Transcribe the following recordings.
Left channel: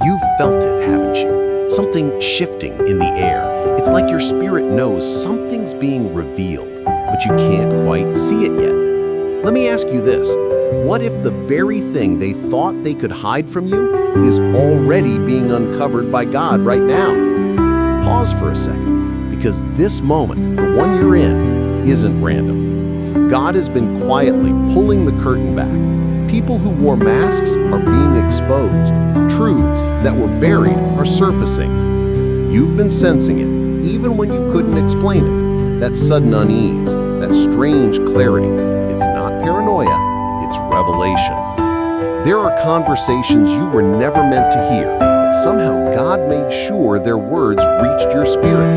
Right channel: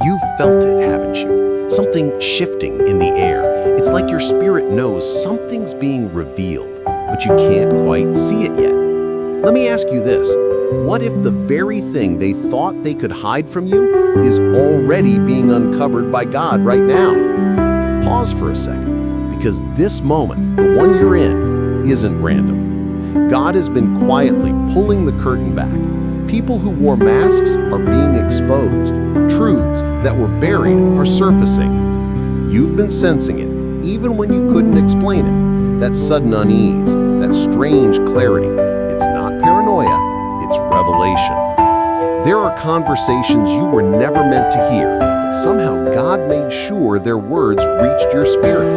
You've felt it, haven't you? Something shifting in the air. It's like your spirit knows something's being revealed, but you can't quite see it yet. Let me ask you this. What if the very thing they thought they could hide from you is already being uncovered by God right now? Pause for a second, because this moment, the one you're in, isn't random. God has been quietly pulling the curtain back. People who wore masks are being exposed. Truths that were buried are surfacing. You've been sensing it, even when you couldn't explain it. That sudden unease, that strange clarity. It's not paranoia, it's revelation. There are conversations you were never meant to hear, but somehow God made sure their words reached your spirit.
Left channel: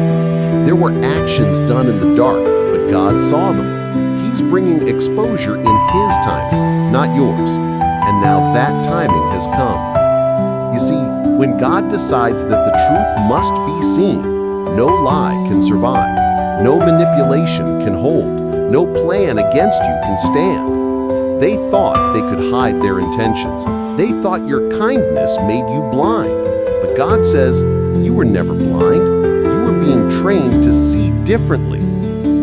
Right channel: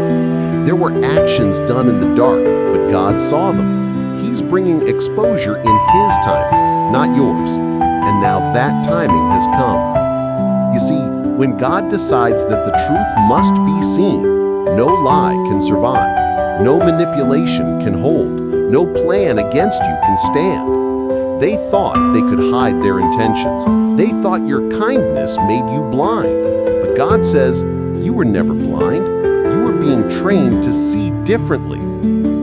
There were actions done in the dark, but God saw them. He's bringing exposure in His timing, not yours. And now that timing has come. You see, when God decides that the truth must be seen, no lie can survive, no manipulation can hold, no plan against you can stand. They thought they could hide their intentions. They thought your kindness made you blind. But God says, you were never blind. You were being trained to see differently.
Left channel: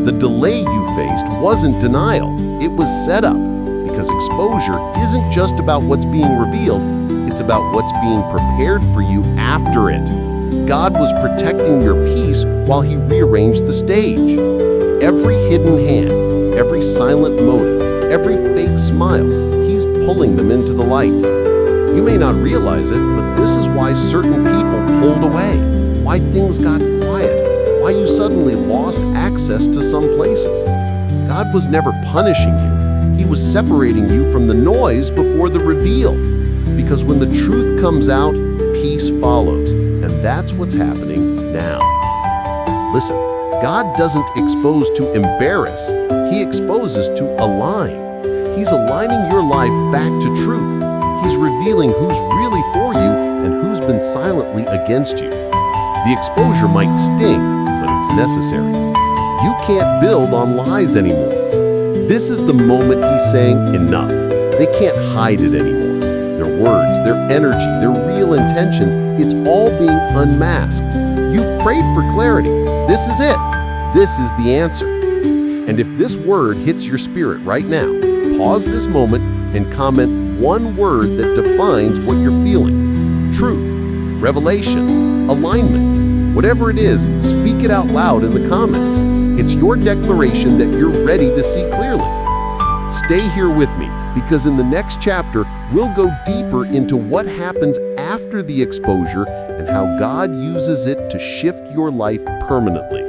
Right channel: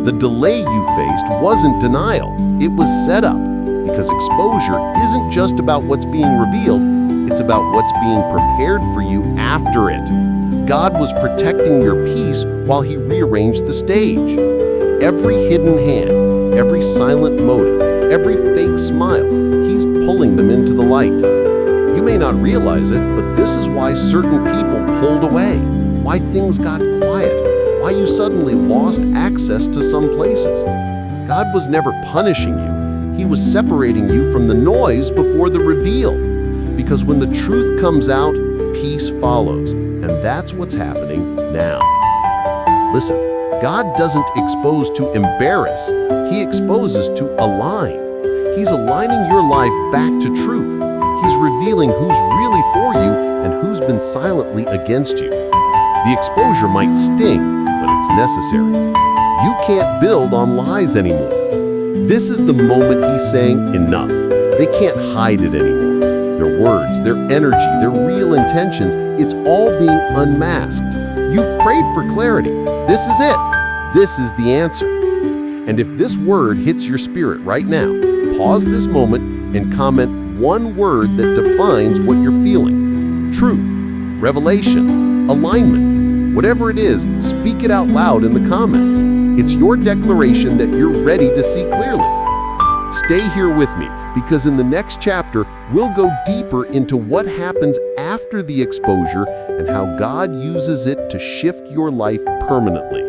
The delay you faced wasn't denial, it was set up, because exposure isn't just about what's being revealed, it's about what's being prepared for you after it. God was protecting your peace while He rearranged the stage. Every hidden hand, every silent motive, every fake smile, He's pulling them into the light. You may not realize it, but this is why certain people pulled away, why things got quiet, why you suddenly lost access to some places. God was never punishing you. He was separating you from the noise before the reveal. Because when the truth comes out, peace follows. And that's what's happening now. Listen, God doesn't expose to embarrass. He exposes to align. He's aligning your life back to truth. He's revealing who's really for you and who's been silently against you. The exposure might sting, but it's necessary. You can't build on lies anymore. This is the moment He's saying enough. They can't hide it anymore. Their words, their energy, their real intentions, it's all being unmasked. You've prayed for clarity. This is it. This is the answer. And if this word hits your spirit right now, pause this moment and comment one word that defines what you're feeling. Truth, revelation, alignment. Whatever it is, speak it out loud in the comments. It's your declaration that you're ready to see clearly. Stay here with me, because in the next chapter, we'll go deeper into what happens after the exposure and how God uses it to shift your life permanently.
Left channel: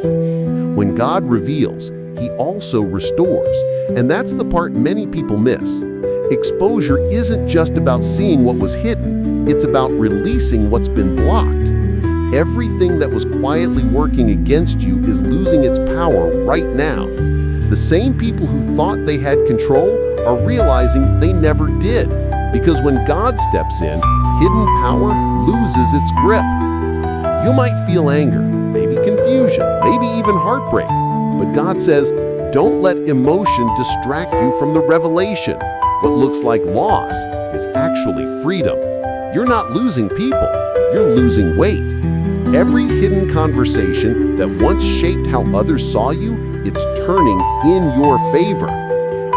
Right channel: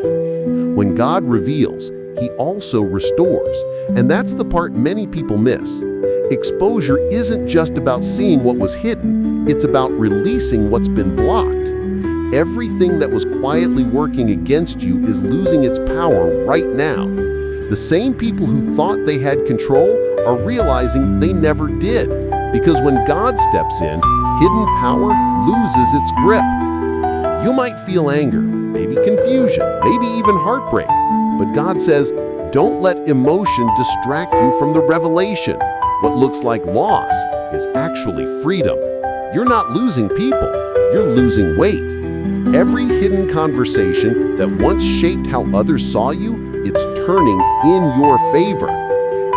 When God reveals, He also restores, and that's the part many people miss. Exposure isn't just about seeing what was hidden, it's about releasing what's been blocked. Everything that was quietly working against you is losing its power right now. The same people who thought they had control are realizing they never did, because when God steps in, hidden power loses its grip. You might feel anger, maybe confusion, maybe even heartbreak, but God says, don't let emotion distract you from the revelation. What looks like loss is actually freedom. You're not losing people, you're losing weight. Every hidden conversation that once shaped how others saw you, it's turning in your favor.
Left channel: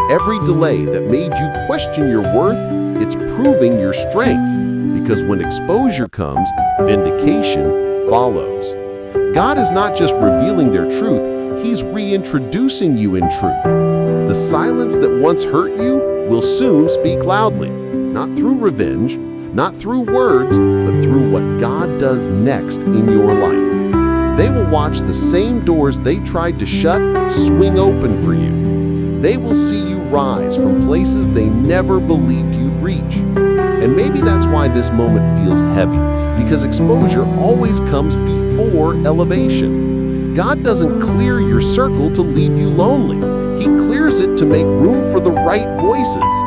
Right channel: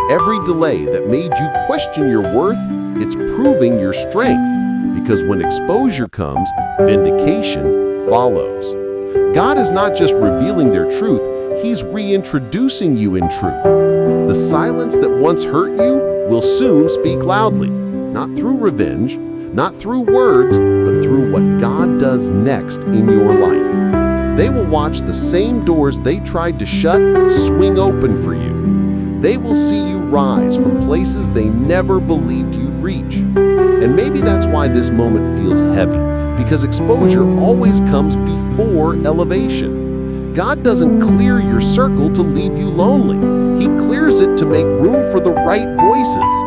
Every delay that made you question your worth, it's proving your strength. Because when exposure comes, vindication follows. God is not just revealing their truth, He's reintroducing you in truth. The silence that once hurt you will soon speak loudly, not through revenge, not through words, but through what God does next in your life. They will watch the same doors they tried to shut swing open for you. They will see you rise from places they never believed you'd reach. And maybe that's why this moment feels heavy, because exposure always comes before elevation. God doesn't clear your circle to leave you lonely. He clears it to make room for the right voices.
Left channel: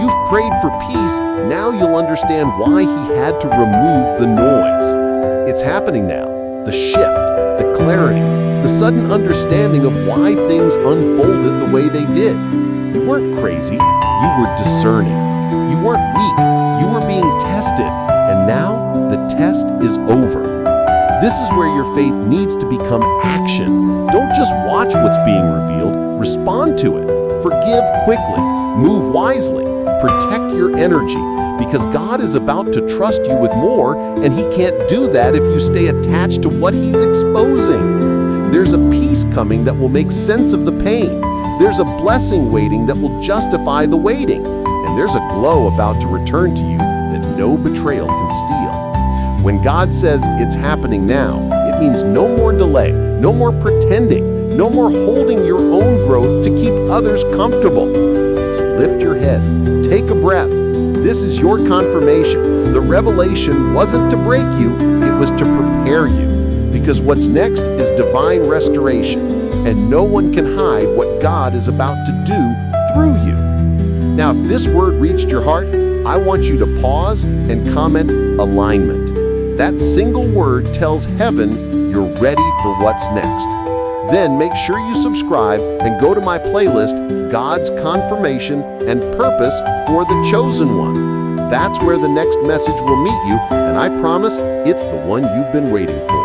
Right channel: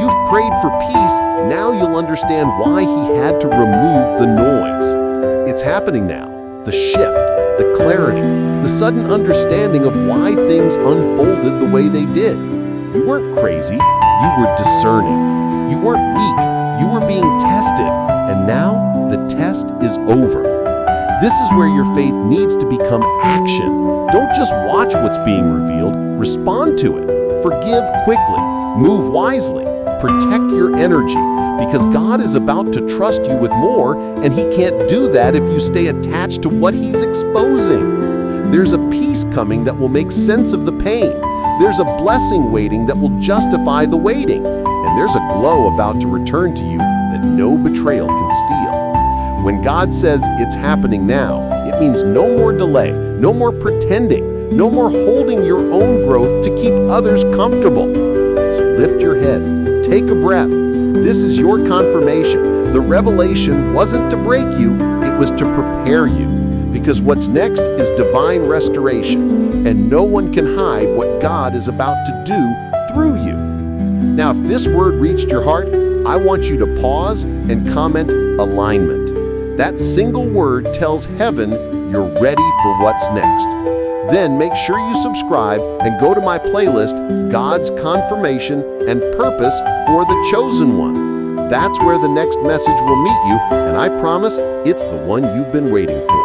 You've prayed for peace, now you'll understand why He had to remove the noise. It's happening now. The shift, the clarity, the sudden understanding of why things unfolded the way they did. You weren't crazy, you were discerning. You weren't weak, you were being tested. And now the test is over. This is where your faith needs to become action. Don't just watch what's being revealed, respond to it. Forgive quickly, move wisely, protect your energy, because God is about to trust you with more, and He can't do that if you stay attached to what He's exposing. There's a peace coming that will make sense of the pain. There's a blessing waiting that will justify the waiting. And there's a glow about to return to you that no betrayal can steal. When God says it's happening now, it means no more delay, no more pretending, no more holding your own growth to keep others comfortable. So lift your head, take a breath. This is your confirmation. The revelation wasn't to break you, it was to prepare you. Because what's next is divine restoration, and no one can hide what God is about to do through you. Now, if this word reached your heart, I want you to pause and comment alignment. That single word tells heaven you're ready for what's next. Then make sure you subscribe and go to my playlist, God's Confirmation and Purpose for the Chosen One. That's where the next message will meet you, and I promise it's the one you've been waiting for.